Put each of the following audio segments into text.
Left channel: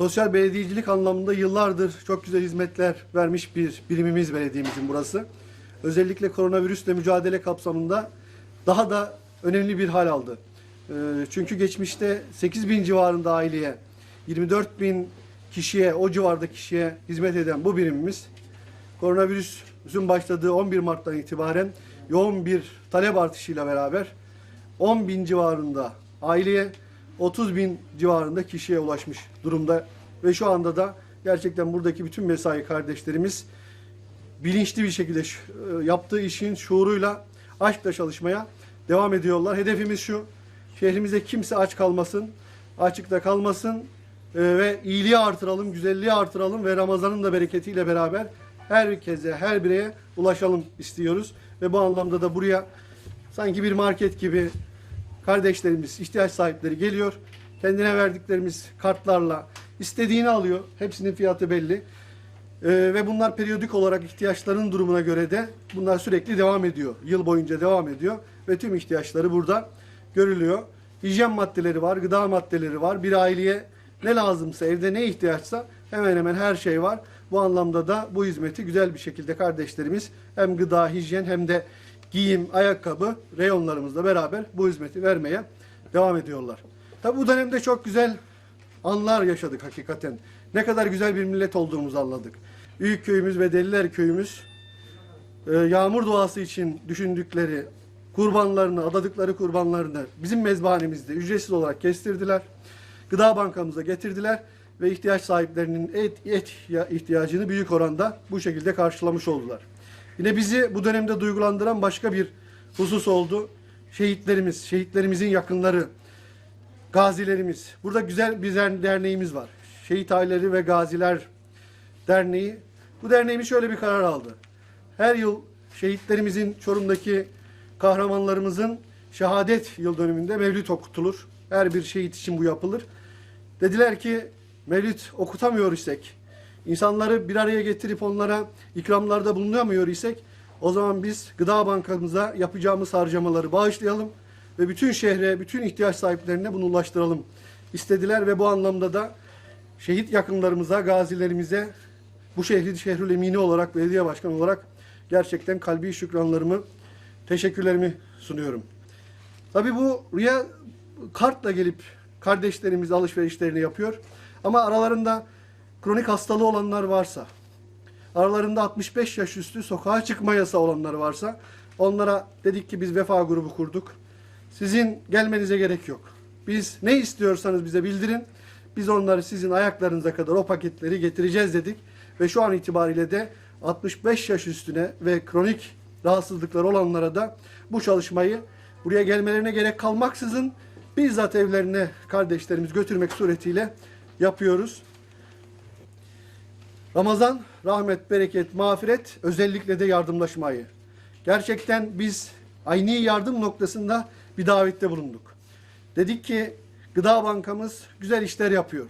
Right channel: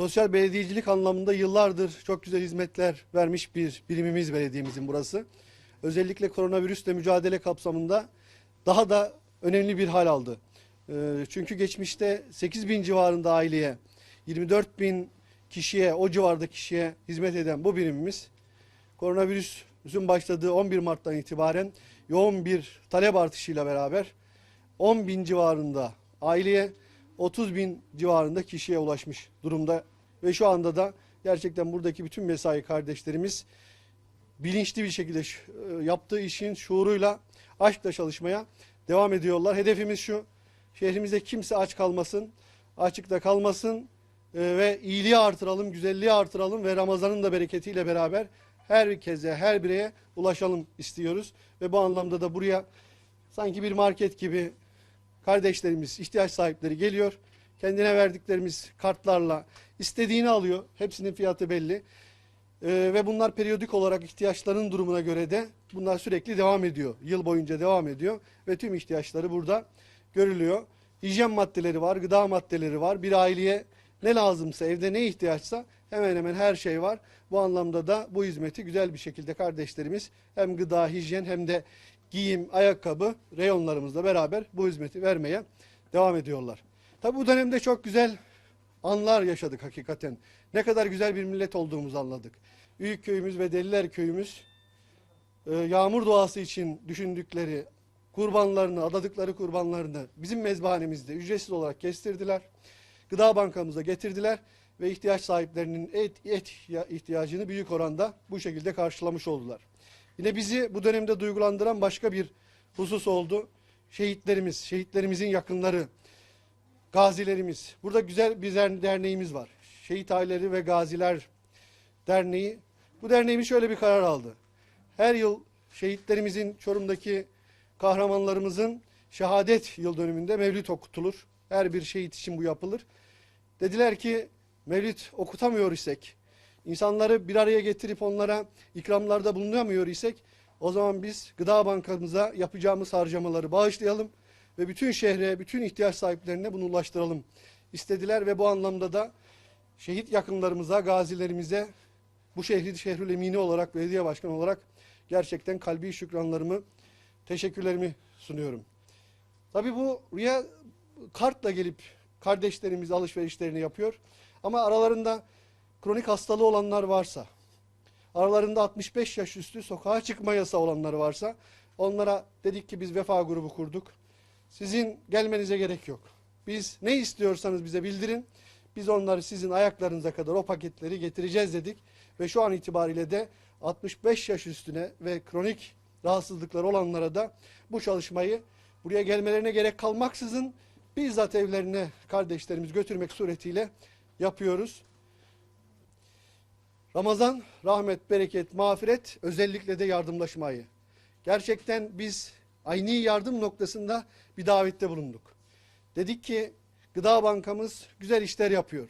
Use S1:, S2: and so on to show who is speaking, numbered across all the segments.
S1: sosyal belediyecilik anlamında yıllardır çok güzel hizmetler vermiş bir birimimiz belediyemizin burası. Özellikle koronavirüsle mücadele kapsamında daha da önemli bir hal aldı. Ee, Çünkü geçmişte 8 bin civarında aileye, 24 bin kişiye, o civarda kişiye hizmet eden bu birimimiz koronavirüsün başladığı 11 Mart'tan itibaren yoğun bir talep artışıyla beraber 10 bin civarında aileye 30 bin civarında kişiye ulaşmış durumda. Ve şu anda da gerçekten buradaki bütün mesai kardeşlerimiz bilinçli bir şekilde e, yaptığı işin şuuruyla aşkla çalışmaya devam ediyorlar. Hedefimiz şu, şehrimizde kimse aç kalmasın, açıkta kalmasın e, ve iyiliği artıralım, güzelliği artıralım ve Ramazan'ın da bereketiyle beraber herkese, her bireye ulaşalım istiyoruz. Ve bu anlamda da buraya sanki bir market gibi kardeşlerimiz, ihtiyaç sahipleri geliyor. Kendine verdiklerimiz kartlarla istediğini alıyor. Hepsinin fiyatı belli. Ee, ve bunlar periyodik olarak ihtiyaçların durumuna göre de bunlar sürekli devam ediyor. Yıl boyunca devam ediyor ve tüm ihtiyaçları burada görülüyor. Hijyen maddeleri var, gıda maddeleri var. Bir aileye ne lazımsa, evde ne ihtiyaçsa hemen hemen her şey var. Bu anlamda da bu hizmeti güzel bir şekilde kardeşlerimiz hem gıda, hijyen hem de giyim, ayakkabı reyonlarımızla beraber bu hizmeti vermeye devam ediyorlar. Tabi bu dönemde çok güzel anlar yaşadık hakikaten. Ne kadar güzel bir millet olduğumuzu anladık. Büyük köyümüz ve Deliler köyümüz e, yağmur duası için düşündükleri kurbanlarını, adadıkları kurbanlarını bizim mezbahanemizde ücretsiz olarak kestirdiler. Gıda bankamıza getirdiler ve ihtiyaç sahiplerinin et, et ya- ihtiyacını büyük oranda bu şekilde karşılamış oldular. Yine bizi bu dönemde duygulandıran başka bir husus oldu. Şehitlerimiz, şehitlerimizin yakınları, gazilerimiz. Burada güzel bir der- derneğimiz var. Şehit Aileleri ve Gaziler Derneği. Bu derneğimiz şöyle bir karar aldı. Her yıl şehitlerimizin Çorum'daki kahramanlarımızın şehadet yıl dönümünde mevlüt okutulur. Her bir şehit için bu yapılır. Dediler ki mevlüt okutamıyor isek, insanları bir araya getirip onlara ikramlarda bulunamıyor isek, o zaman biz gıda bankamıza yapacağımız harcamaları bağışlayalım ve bütün şehre, bütün ihtiyaç sahiplerine bunu ulaştıralım istediler ve bu anlamda da şehit yakınlarımıza, gazilerimize bu şehri şehrül emini olarak, belediye başkanı olarak gerçekten kalbi şükranlarımı, teşekkürlerimi sunuyorum. Tabii bu rüya kartla gelip kardeşlerimiz alışverişlerini yapıyor. Ama aralarında kronik hastalığı olanlar varsa, aralarında 65 yaş üstü sokağa çıkma yasağı olanlar varsa onlara dedik ki biz vefa grubu kurduk. Sizin gelmenize gerek yok. Biz ne istiyorsanız bize bildirin. Biz onları sizin ayaklarınıza kadar o paketleri getireceğiz dedik. Ve şu an itibariyle de 65 yaş üstüne ve kronik rahatsızlıkları olanlara da bu çalışmayı buraya gelmelerine gerek kalmaksızın bizzat evlerine kardeşlerimiz götürmek suretiyle yapıyoruz. Ramazan rahmet, bereket, mağfiret özellikle de yardımlaşmayı. Gerçekten biz aynı yardım noktasında bir davette bulunduk. Dedik ki Gıda Bankamız güzel işler yapıyor.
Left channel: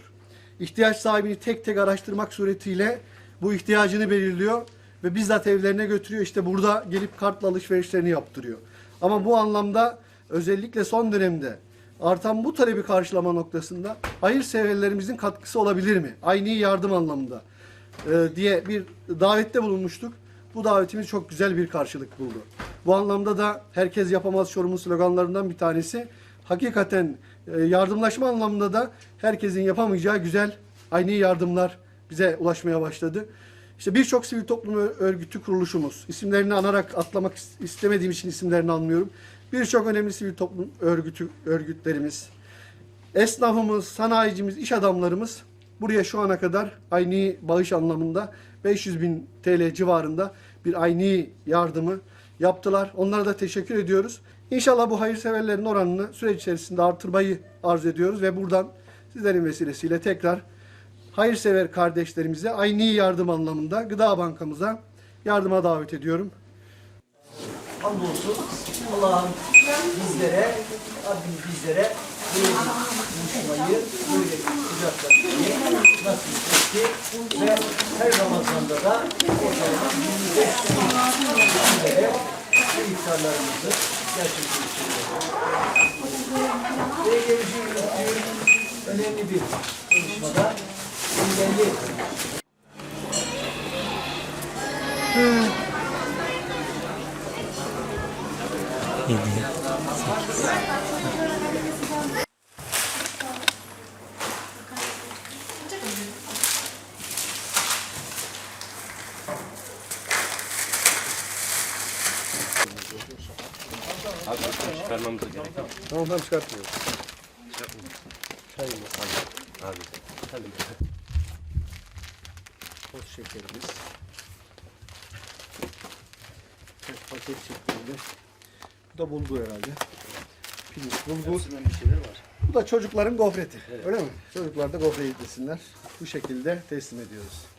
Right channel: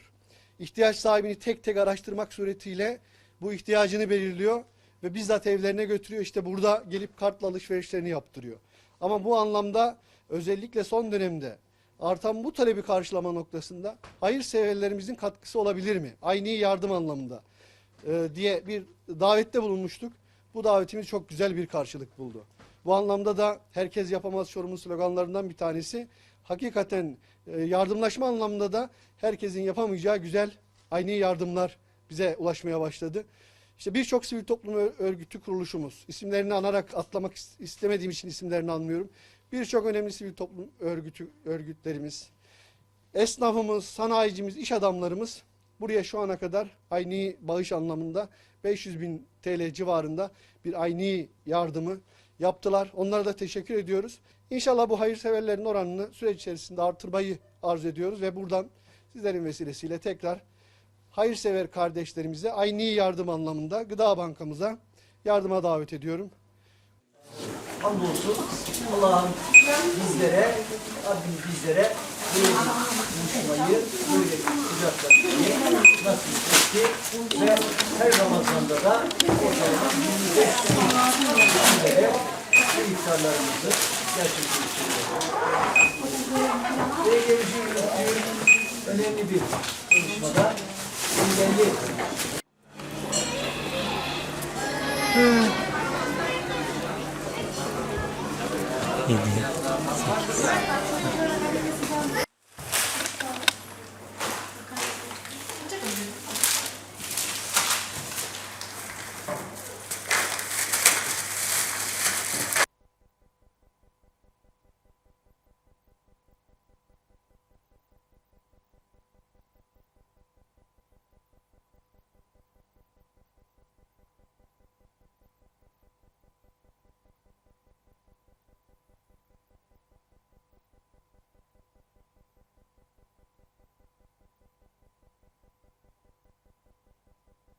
S1: İhtiyaç sahibini tek tek araştırmak suretiyle bu ihtiyacını belirliyor ve bizzat evlerine götürüyor. İşte burada gelip kartla alışverişlerini yaptırıyor. Ama bu anlamda özellikle son dönemde artan bu talebi karşılama noktasında hayırseverlerimizin katkısı olabilir mi? Aynı yardım anlamında diye bir davette bulunmuştuk. Bu davetimiz çok güzel bir karşılık buldu. Bu anlamda da herkes yapamaz Çorum'un sloganlarından bir tanesi. Hakikaten e, yardımlaşma anlamında da herkesin yapamayacağı güzel aynı yardımlar bize ulaşmaya başladı. İşte birçok sivil toplum örgütü kuruluşumuz, isimlerini anarak atlamak is- istemediğim için isimlerini anmıyorum. Birçok önemli sivil toplum örgütü örgütlerimiz, esnafımız, sanayicimiz, iş adamlarımız buraya şu ana kadar aynı bağış anlamında 500 bin TL civarında bir aynı yardımı yaptılar. Onlara da teşekkür ediyoruz. İnşallah bu hayırseverlerin oranını süreç içerisinde artırmayı arzu ediyoruz ve buradan sizlerin vesilesiyle tekrar hayırsever kardeşlerimize aynı yardım anlamında Gıda Bankamıza yardıma davet ediyorum.
S2: Hamdolsun Allah'ım bizlere, Rabbim bizlere bir buluşmayı, böyle bir sıcaklaşmayı nasip etti. Ve her Ramazan'da da ortalama 25 kişilere bu iftarlarımızı gerçekleştiriyoruz. Ve geleceği yürüttüğüm önemli bir çalışmada
S3: Belli.
S2: Çıkarmamız gerek.
S1: Tamam tamam çıkartmıyoruz.
S2: Abi. Tabii.
S1: Toz şekerimiz. Tek paket şeklinde. Bu da bulgur herhalde. Pirinç, bulgur.
S2: bir şeyler var.
S1: Bu da çocukların gofreti. Öyle mi? Çocuklar da gofret yesinler. Bu şekilde teslim ediyoruz.